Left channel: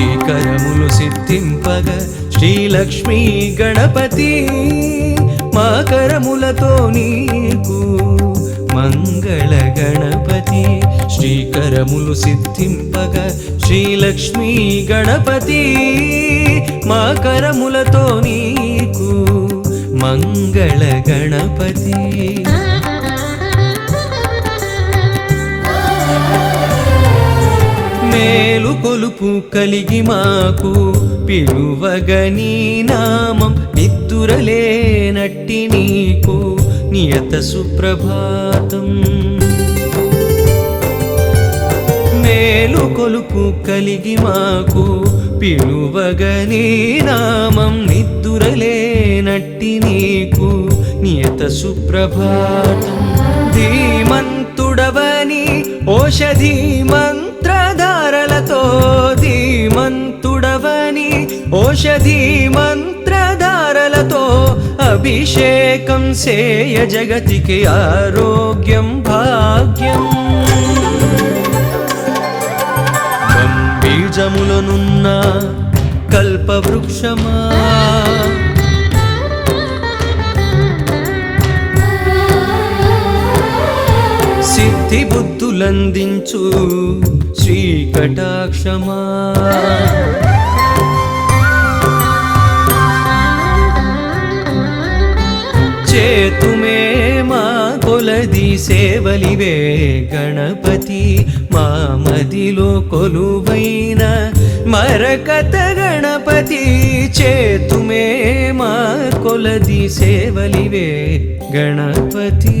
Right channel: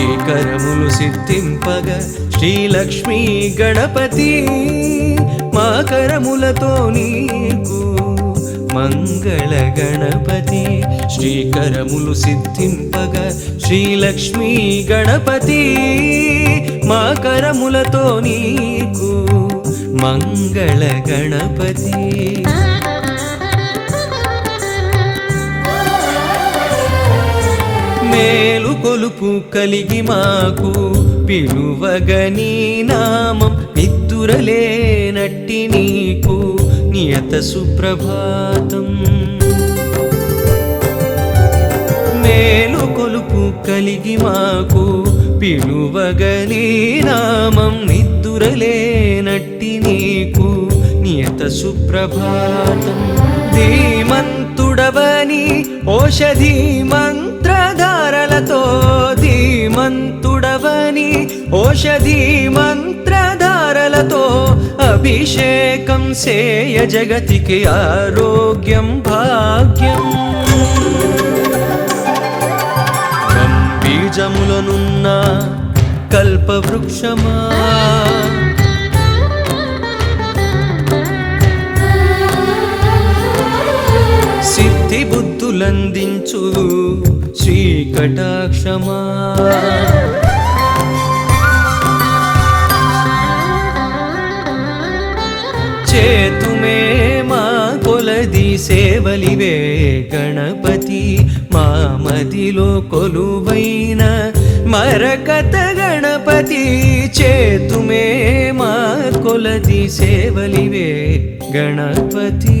శ్రీకరములు సిద్ధింపగ శ్రీలక్ష్మీ గణపతి మా కరములతో నీకు మంగళ గణపతి శ్రీకరములు సిద్ధింపగ శ్రీలక్ష్మీ గణపతి మా కరములతో నీకు మంగళ గణపతి మేలు కొలుపు కలిగి మాకు పిలువగని నామం నిద్దురలేనట్టి నీకు నియత సుప్రభాతం మేలు కొలుపు కలిగి మాకు పిలువగని నామం నిద్దురలేనట్టి నీకు నియత సుప్రభాతం ధీమంతుడవని ఓషధీ మంత్రధారలతో ధీమంతుడవని ఓషధీ మంత్రధారలతో అభిషేకం సేయ జగతికి ఆరోగ్యం భాగ్యం బీజములనున్న కల్పవృక్షమా సిద్ధి బుద్ధులందించు శ్రీకటాక్షమా చేతుమే మా కొలది సేవలివే గణపతి మా మదిలో కొలువైన మరకత గణపతి చేతుమే మా కొలది సేవలివే గణపతి